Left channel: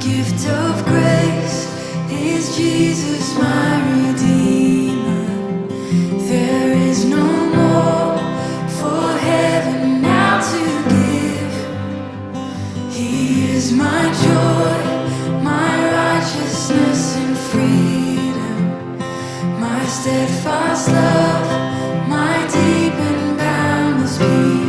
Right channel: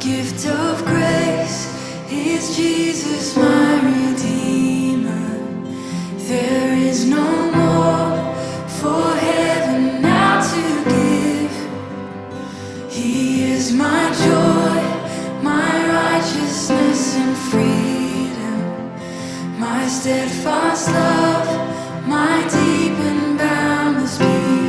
gift of grace is Jesus, my Redeemer. There is no more for heaven now to give. He is my joy, my righteousness and freedom, my steadfast love, my deep and boundless peace.